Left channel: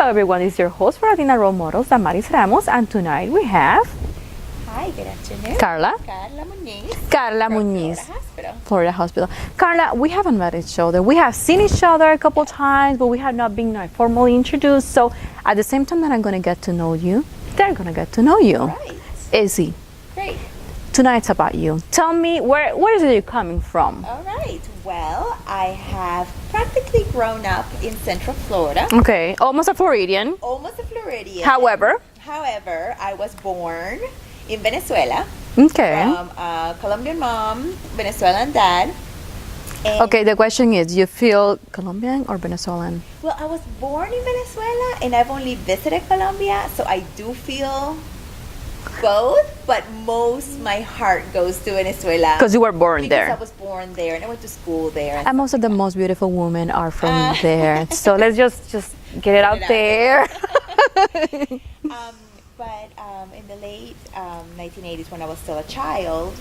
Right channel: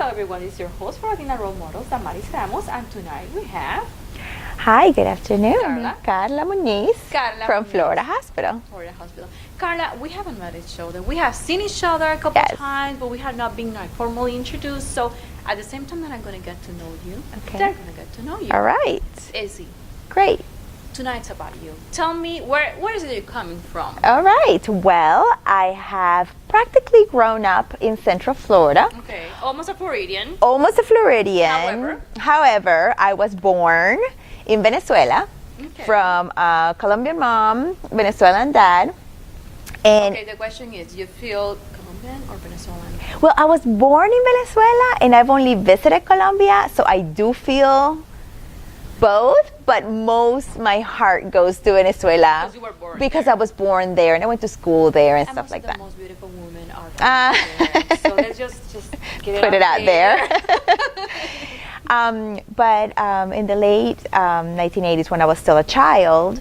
Hello everyone, it's your host for Latina Role Models, Damaris Ramos, and tonight we have Hi, good afternoon. Karla. Karla Muniz. Karla from Muniz. Florida Hospital. Florida Hospital. Karla, we haven't met each other. We have seen each other a couple Yes. times, but we have not been formally introduced. So at the same time that I'm going to get to know you, Okay. they're going to get to know you. All right. Easy. Great. Tonight's about you. Tell me, where is it you coming from? All right. Well, I have practically grown up in Central Florida. Okay, almost a Floridian. Almost a Floridian. However, I was born in Venezuela. Okay. From a Colombian mom, Venezuelan dad. And Okay, the question is, you feel Colombian or Venezuelan? Well, I was born in Venezuela and I've only visited Colombia, so I do feel both, but my heart goes to Venezuela. Because you were born Because there. I was born there and I went to school there and And stuff most like of the that. most beautiful women are from there. So let's just get it Put out it out there. But in the late 1980s, when I was still a child,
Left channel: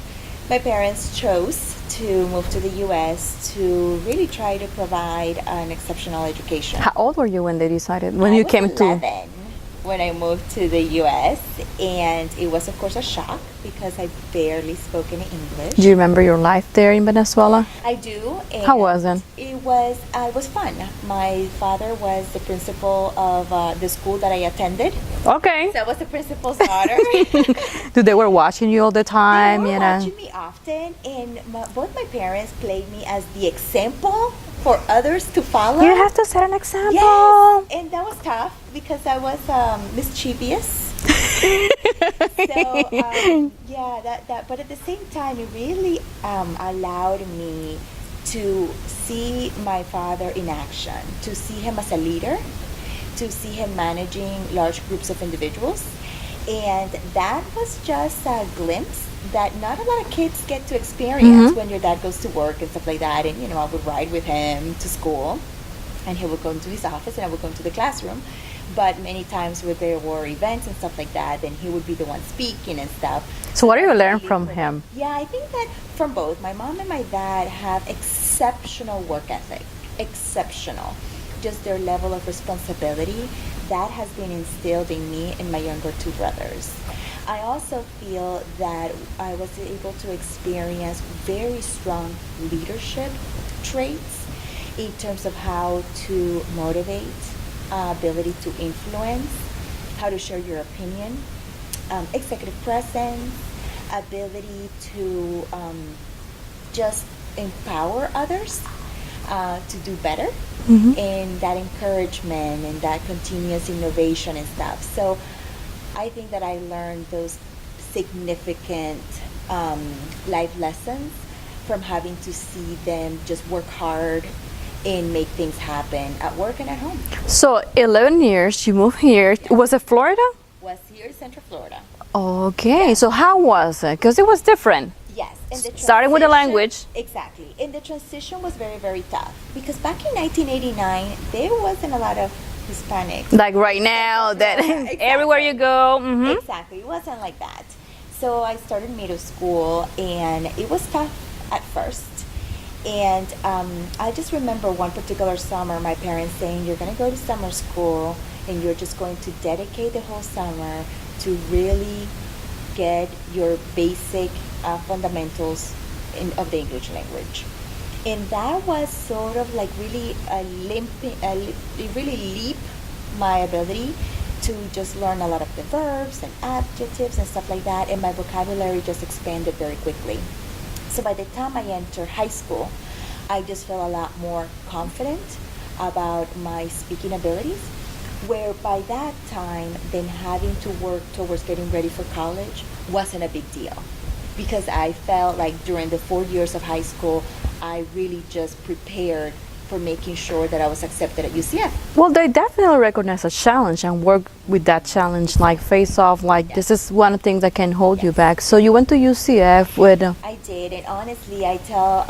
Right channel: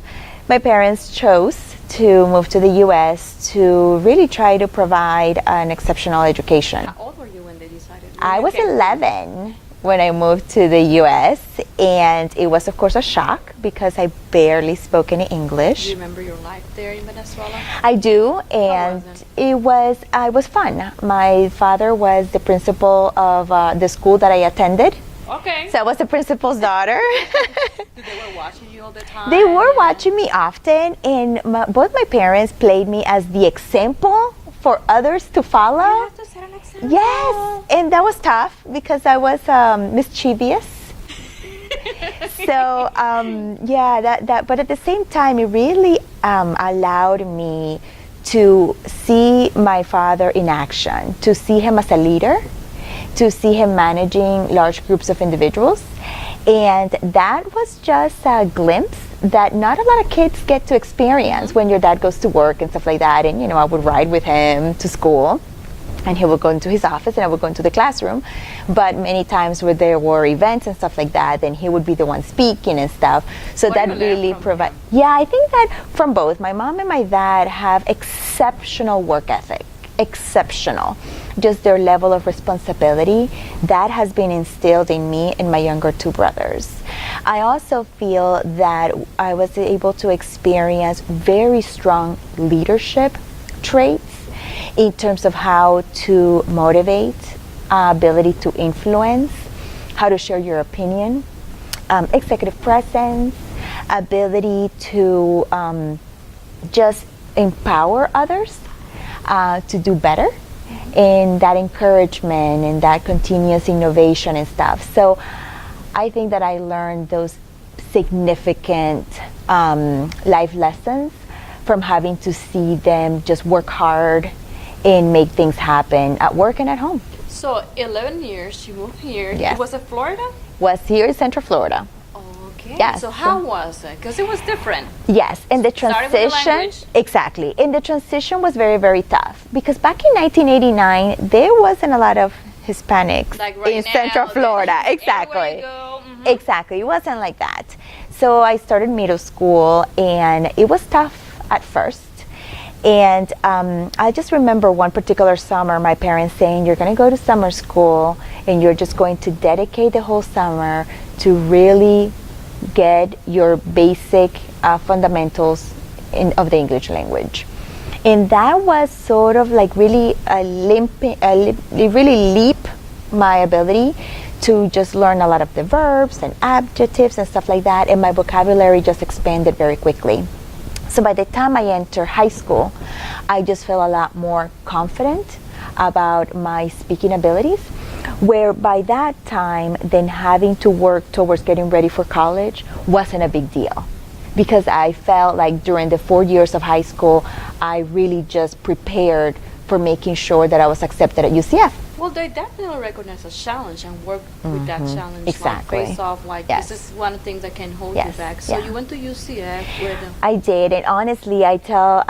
my parents chose to move to the U.S. to really try to provide an exceptional education. How old were you when they decided? When I you was came 11 when I moved to the U.S. and it was, of course, a shock because I barely spoke any English. Do you remember your life there in Venezuela? I do. And How was it? It was fun. My father was the principal of the school that I attended. Okay. So I was the principal's daughter. They were watching you all the time? They were you know? watching me often, and both my parents played me as the example for others to follow. You have to set an example. Yes, and that was tough because I was mischievous. So but at the same time, it really allowed me to see my father in action, to see him as a leader, to see him managing large groups of individuals. And that was just a glimpse that not a lot of kids get to experience when your dad goes to work and stuff like that. And, I would ride with him to school and he would go into his office and I would go into the classroom. But many times where there were events and stuff like that, then he would be the one speaking and stuff. So what that do you learn really from him? Yeah, I think that from both. My mom and my dad have exceptional work ethic. Exceptional. Just their level of responsibility that has been instilled in me and my younger two brothers. I also feel that I was able to experience very strong leadership traits in terms of how to motivate, ability to influence, how to share your opinion, executive presence, ability to just empower others to do better. And that encouragement and that continuous innovation and stuff. So I think that I learned those significant life lessons from having to see them just work hard and make things happen at work and at home. So 11 years, you moved here. Yes. Was it Florida? Was here in Central Florida. Okay. Yes. So how was it? Because it was different. Yes, and the transition. Started with the language. Exactly, and the transition was very, very tough because back in 1989 there wasn't a lot of Hispanics Like right in now. Central Florida. Exactly. Everywhere you go. Exactly, it wasn't like that. So I started middle school, and it was tough at first. And I just remember one particular summer, my parents saying, "You're going to go to summer school, and you're just going to dedicate the whole summer to really get your basic fundamentals of the English language." And that was sort of like really it really leap my ability to just learn a lot of the verbs and adjectives and stuff like that, and my vocabulary just expanded very quickly. So by the time I entered high school, I just felt a lot more confident about my speaking abilities, where by that time, then having to work towards getting ready for college wasn't a big deal. Because I felt like during the 4 years of high school, I really just prepared for making sure that I was accepted at UCF. Well, they definitely recognize a challenge and work with that challenge, like Exactly. face off, like Yes. this is one thing that can hold you Yes. back. So Yeah. you went to UCF with. I did, and honestly, I tell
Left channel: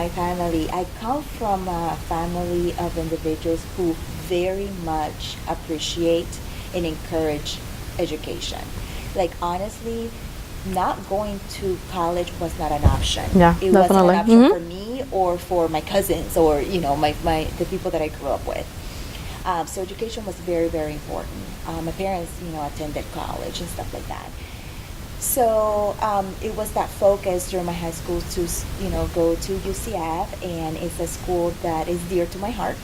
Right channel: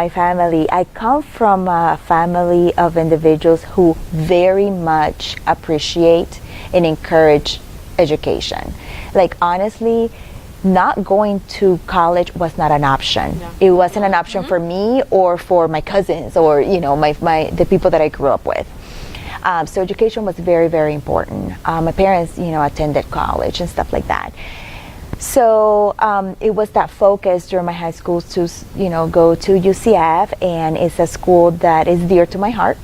my family, I come from a family of individuals who very much appreciate and encourage education. Like honestly, not going to college was not an option. Yeah, it wasn't an definitely. option for me or for my cousins or the people that I grew up with. So education was very, very important. My parents, attended college and stuff like that. So it was that focus during my high school to, go to UCF, and it's a school that is dear to my heart.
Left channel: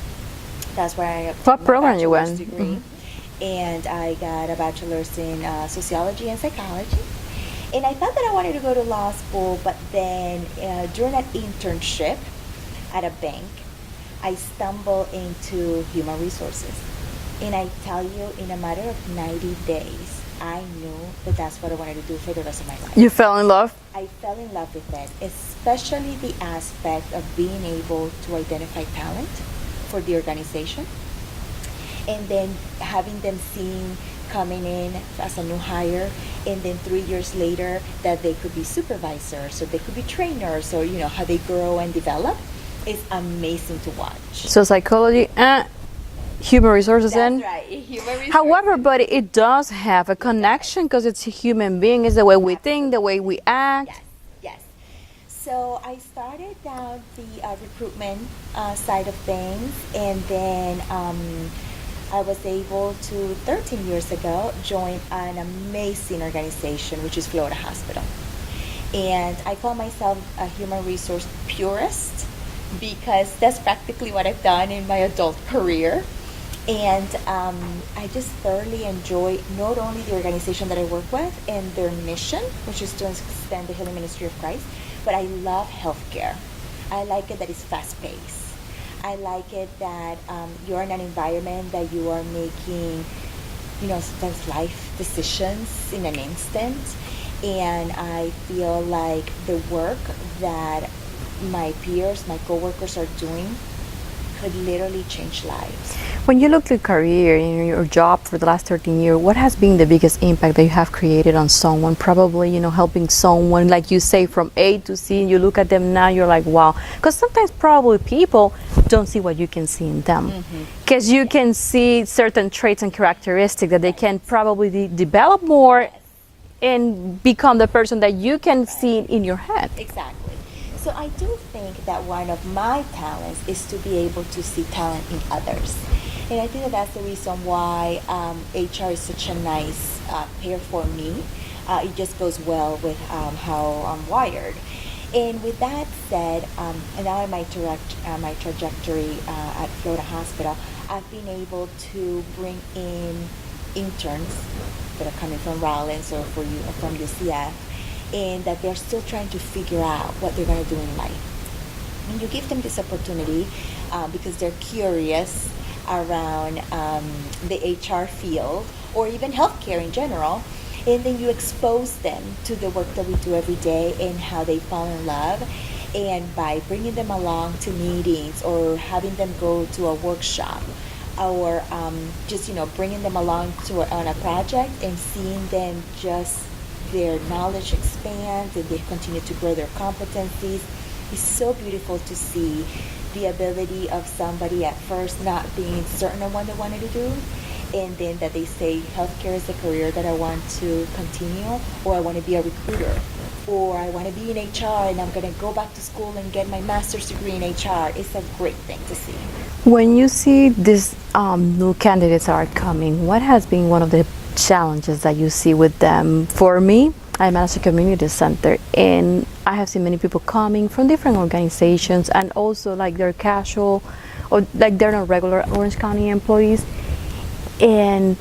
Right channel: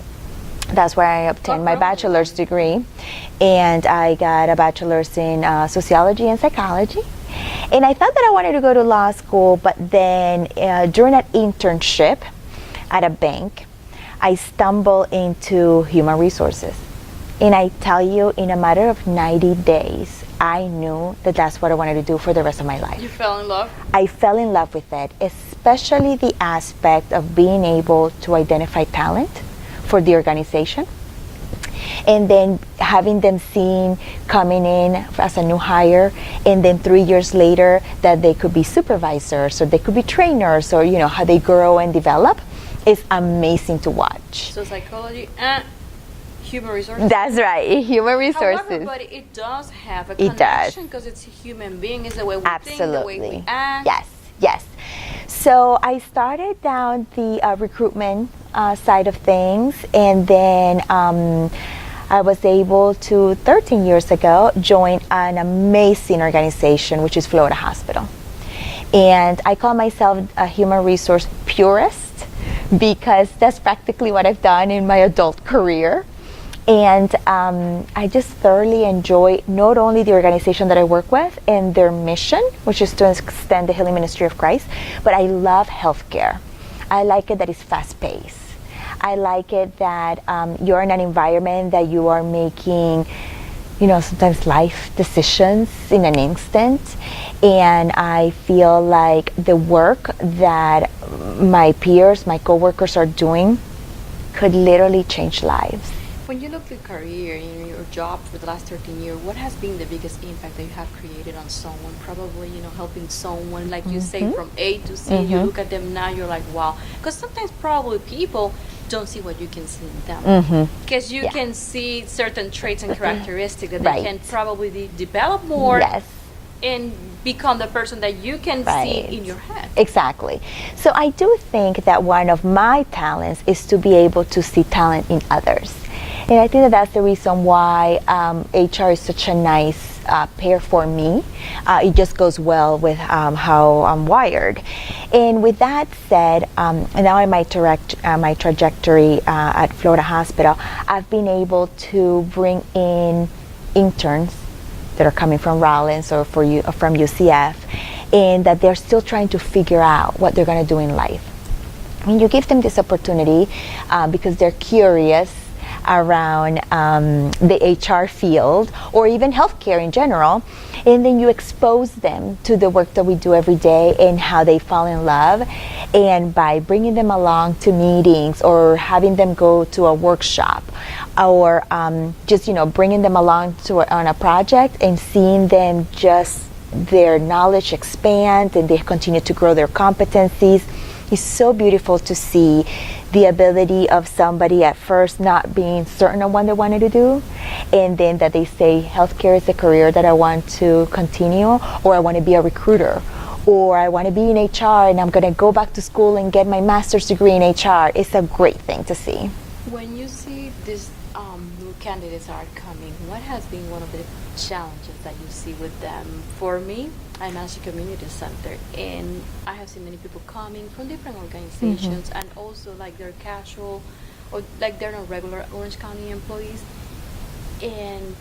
That's where I obtained my bachelor's degree. And I got a bachelor's in sociology and psychology. And I thought that I wanted to go to law school, but then during an internship at a bank, I stumbled into human resources. And I tell you, in a matter of 90 days, I knew that that's what I wanted to do for the rest of my life. You fell in love? I fell in love with it, especially the aspect of being able to identify talent for the organization, and then having them seen coming in as a new hire, and then 3 years later that they could be supervisors or they could be trainers, or how they grow and develop is amazing to watch. So psychology and human resources. That's right, human resources. However, but it does have a connection because it's a human being. It's the way we think, the way we act. Yes. So I started down the recruitment side of things, and then I was able to, 13 years ago, join an amazing organization, which is Florida Hospital. And I call myself a human resource purist because that's practically what I've done in my adult career. And I just thoroughly enjoy not only the organization that I work with and their mission, which is to extend the healing ministry of Christ, but I love healthcare. I like it that it's fast-paced. I like it that you're in an environment that you are making, sometimes life decisions in an instant. And I feel like the work that my peers, my coworkers are doing could literally change lives. When you look at your career and your job for the last 13 years, what has been the biggest impact that you have created on someone? Probably, helping someone, like you say, from A to C, you look at them now, you're like, wow. Because sometimes probably people don't see what you can see in them. Because you can see certain traits and characteristics that they can probably develop more and become the person that you can see in your head. Exactly. So I do think that one of my talents is to be able to see talent in others. And I think that that's the reason why HR is such a nice pair for me. It just goes well with how I'm wired. And with that said, now in my trajectory at Florida Hospital, I've been able to bring in interns that are coming from Rollins or from UCF, and that they're still trying to figure out what they're going to do in life. And you give them this opportunity because they're curious around the HR field or even healthcare in general, and then you expose them to the work that we do every day and how they fall in love. And by bringing them along to meetings or having them go to a workshop, or just bringing them along on a project and seeing them just their knowledge expand and they continue to grow their competencies, it's so beautiful to see the ability of somebody at first not being certain of what they wanted to do, and then that they say healthcare is a career that I want to continue, or I want to be a recruiter, or I want to be in HR and I'm going to go back to school and get my master's degree in HR. It's a great thing to see. When you see these new candidates are coming, what has been one of the challenges that you see with them? For me, I manage a community center, and I have seen many people coming from different organizations, and also like they're casual, or like they're not regular Orange County employees, and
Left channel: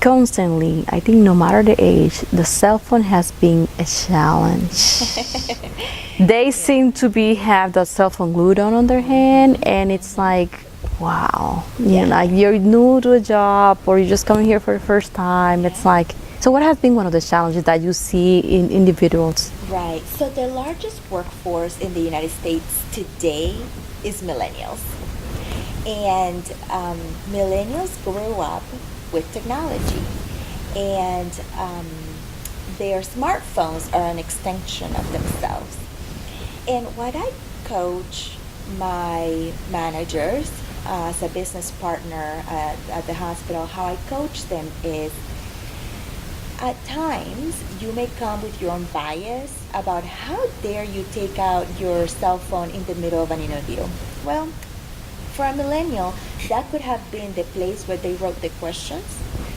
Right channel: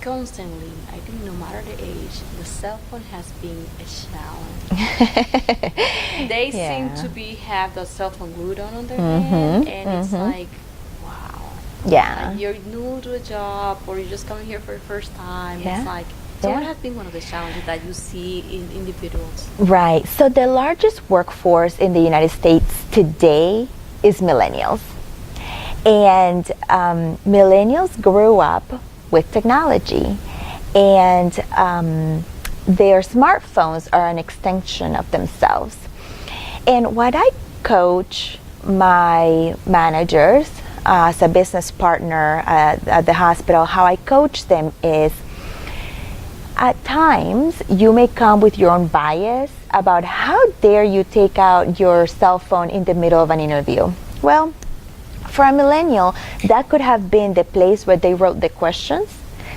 constantly, I think no matter the age, the cell phone has been a challenge. They seem to have the cell phone glued on their hand, and it's like, wow. Like you're new to a job, or you're just coming here for the first time. It's like, so what has been one of the challenges that you see in individuals? Right. So the largest workforce in the United States today is millennials. And millennials grew up with technology, and their smartphones are an extension of themselves. And what I coach my managers as a business partner at the hospital, how I coach them is, at times you may come with your own bias about how dare you take out your cell phone in the middle of an interview. Well, For a millennial, that could have been the place where they wrote the questions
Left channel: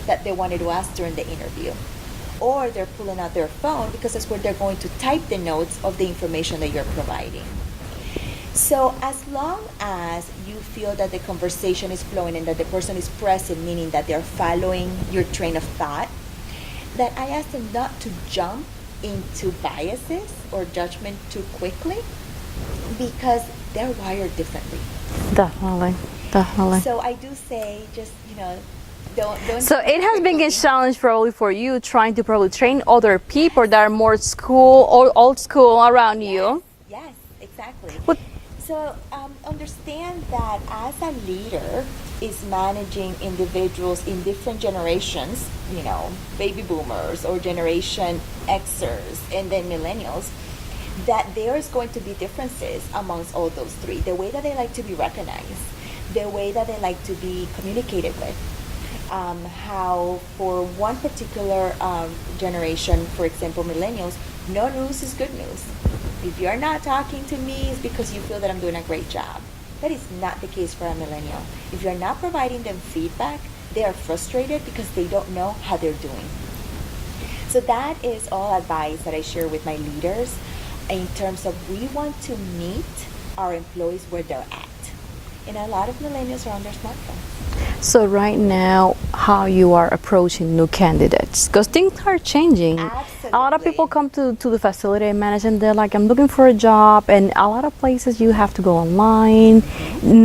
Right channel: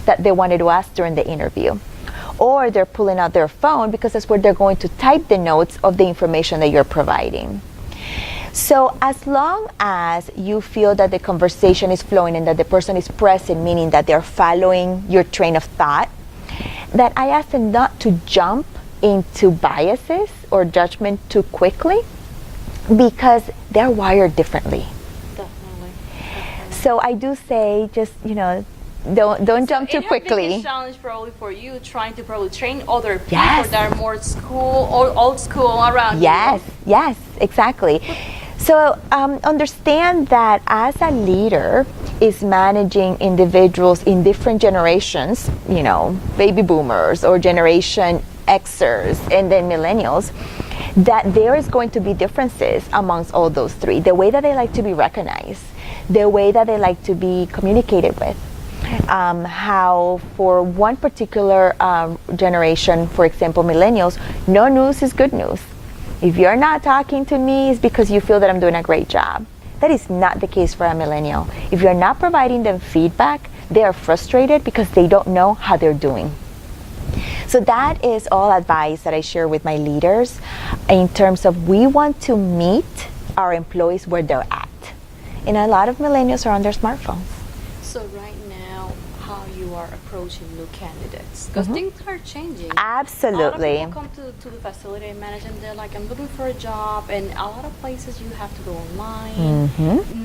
that they wanted to ask during the interview. Or they're pulling out their phone because that's where they're going to type the notes of the information that you're providing. So as long as you feel that the conversation is flowing and that the person is present, meaning that they're following your train of thought, that I ask them not to jump into biases or judgment too quickly, because they're wired differently. Definitely. So I do say, just, don't jump too quickly. So it has been a challenge probably for you, trying to probably train other people Yes. that are more school or old school around you. Yes, exactly. So understand that as a leader is managing individuals in different generations, baby boomers or Generation Xers and then millennials, that there is going to be differences amongst all those three. The way that they like to be recognized, the way that they like to be communicated with, how for one particular generation, for example, millennials, no news is good news. If you're not talking to me, it's because you feel that I'm doing a great job. That is not the case for a millennial. If you're not providing them feedback, they are frustrated because they don't know how they're doing. So that is all advice that I share with my leaders in terms of we want to meet our employees where they're at. And a lot of millennials are on their smartphones. So right now, how you are approaching new candidates, because things are changing. Absolutely. A lot of people come to the facility I manage and they're like, I'm looking for a job, and a lot of places you have to go online.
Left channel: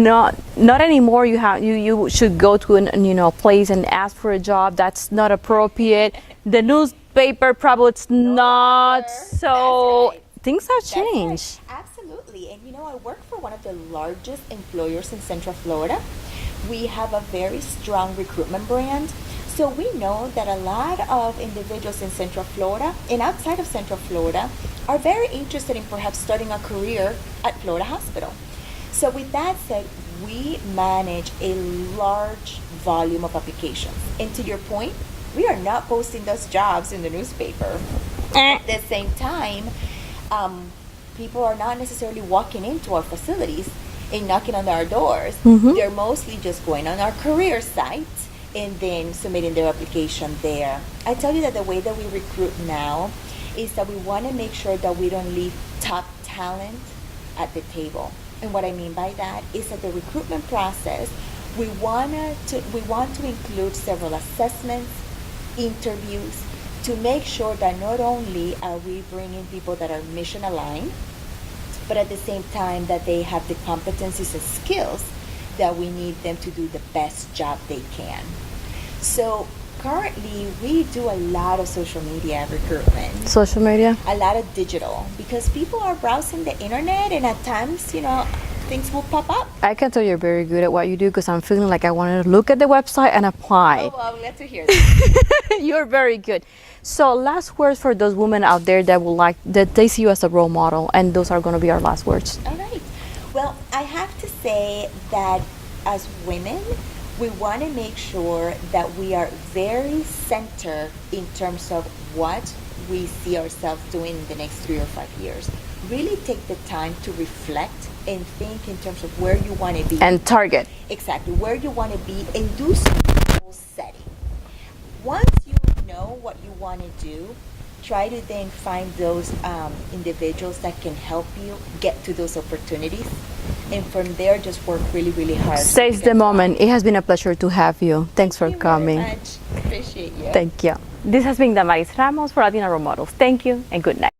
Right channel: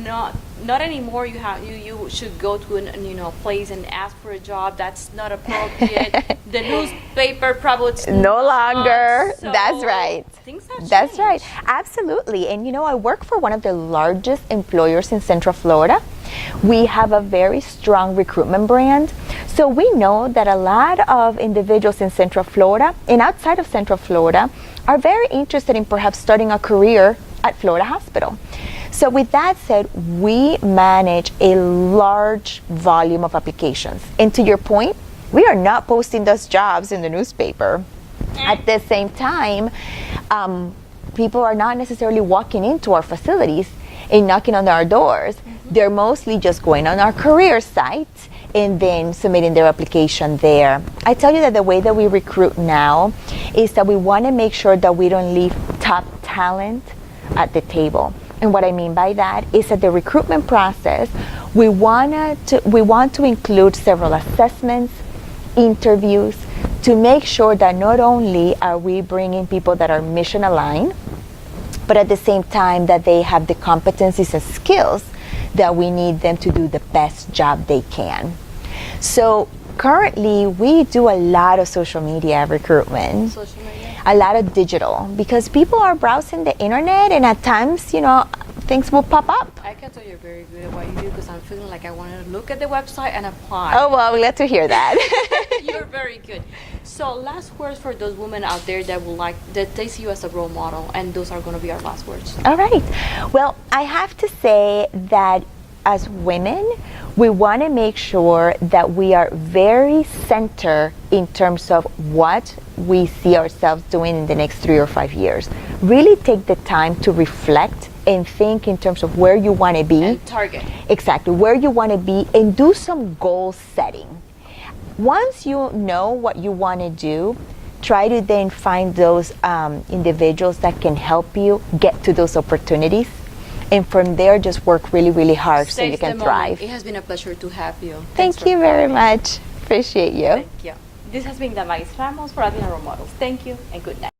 Not anymore. You should go to a place and ask for a job. That's not appropriate. The newspaper probably it's No not. longer. So That's right. Things have That's changed. right. Absolutely. And I work for one of the largest employers in Central Florida. We have a very strong recruitment brand. So we know that a lot of individuals in Central Florida and outside of Central Florida are very interested in perhaps starting a career at Florida Hospital. So with that said, we manage a large volume of applications. And to your point, we are not posting those jobs in the newspaper. At the same time, people are not necessarily walking into our facilities and knocking on our doors. They're mostly just going on our career site and then submitting their application there. I tell you that the way that we recruit now is that we want to make sure that we don't leave top talent at the table. And what I mean by that is that the recruitment process, we want to include several assessments, interviews, to make sure that not only are we bringing people that are mission aligned, but at the same time that they have the competencies and skills that we need them to do the best job they can. So currently we do a lot of social media recruitment. Social media? A lot of digital, because people are browsing the internet and at times, things will pop up. I can tell you're very good at what you do, because I'm feeling like I wanted to look at the website and apply. Oh, well, glad to hear that. You're very good. So last words for those women out there that they see you as a role model, and those are going to be our last words. All right. Well, I have to say that as women, we want to make sure that we are very centered in terms of what we see ourselves doing in the next 3 or 5 years. Really take the time to reflect and think in terms of where you want to be. And target. Exactly, where you want to be, and do some goal setting. Once you know what you want to do, try to then find those individuals that can help you get to those opportunities. And from there, just work really, really hard. Seize the moment. It has been a pleasure to have you. Thanks for Thank you coming. very much. Appreciate you. Thank you. This has been Damaris Ramos for Latina Role Models. Thank you and good night.